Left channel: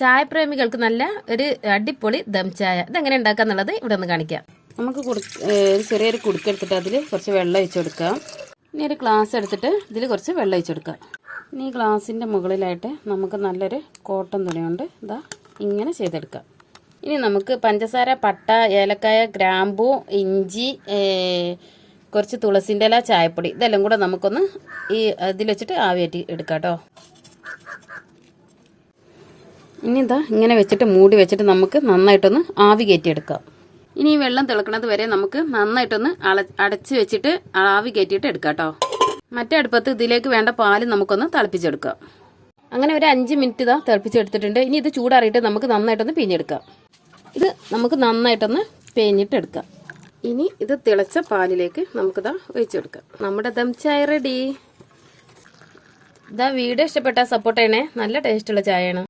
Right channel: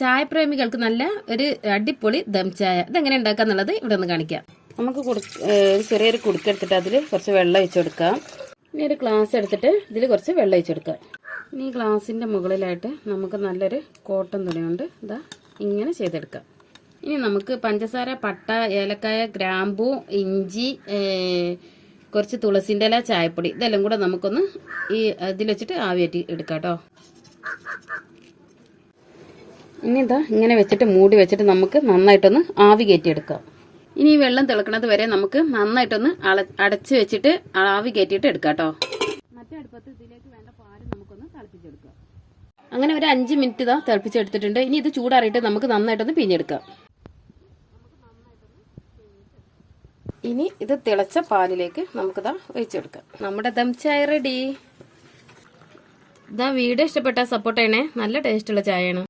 ചായപ്രേമികൾക്ക് നല്ല ഒരു അടിപൊളി ദം ചായ ഇതെങ്ങനെ ഉണ്ടാക്കാന്നുള്ളത് ഇവിടെ ഒന്ന് കാണിക്കാം. നമുക്ക് ചെറിയൊരു കുടുക്കെടുത്തിട്ട് അതിൽ കുറച്ച് വെള്ളം ഒഴിച്ചു കൊടുക്കാം. ഇനി ഒരു ഗ്ലാസ് എടുത്തിട്ട് ഇതിൽ കുറച്ച് വെള്ളം ഒഴിച്ചു കൊടുക്കാം. ഇനി ഈ ഗ്ലാസിൻ്റെ മുകളിലായിട്ട് നമുക്ക് നല്ലൊരു കോട്ടൺ തുണി കൊണ്ട് ഇതാ ഇങ്ങനെ ചെയ്തെടുക്കാം. ഇനി നമുക്ക് പഞ്ചസാര, പട്ട, ഏലക്കായ, ഗ്രാമ്പൂ, ഇഞ്ചി, കുറച്ച് തുളസിൻ്റെ ഇല, ചായപ്പൊടി ഇതെല്ലാം കൂടെ നമുക്കൊന്ന് ഈ ഇതിൽ വെച്ചിട്ട് ആവിയേറ്റി എടുക്കാം കേട്ടോ. ഇനി ഇതാ ഇങ്ങനെ വെച്ചിട്ട് മൂടി വെച്ചിട്ട് നമുക്ക് നന്നായിട്ടൊന്ന് ആവി കയറ്റിയെടുക്കാം. ഇനി ഈ വെള്ളം തിളക്കണത് വരെ നമുക്ക് നന്നായിട്ടൊന്ന് അടച്ച് വെച്ചിട്ട് ആവി കയറ്റിയിട്ട് എടുക്കാം കേട്ടോ. മറ്റേ അടുപ്പത്ത് ഇതിലേക്ക് വേണ്ട പാല് നമുക്കൊന്ന് തിളപ്പിച്ചെടുക്കാം. അങ്ങനെ ഒരു 5 മിനിറ്റ് ഇതാ തിളപ്പിച്ചെടുത്തിട്ടുണ്ട്. ഇനി ഇത് ചൂടാറിയിട്ട് നമുക്ക് നന്നായിട്ടൊന്ന് പിഴിഞ്ഞെടുക്കാം. ഇത് നമുക്ക് നന്നായിട്ടൊന്ന് പിഴിഞ്ഞിട്ടെടുക്കാം. ഇനി ഇത് തിളച്ച പാലിലേക്ക് നമുക്കിതാ ഒഴിച്ചെടുക്കാം. നമ്മുടെ ദം ചായ റെഡി. ഇതാ വീഡിയോ ഇഷ്ടപ്പെട്ടാൽ സപ്പോർട്ട് ചെയ്യണേ. നല്ല ടേസ്റ്റുള്ള ചായയാണ്.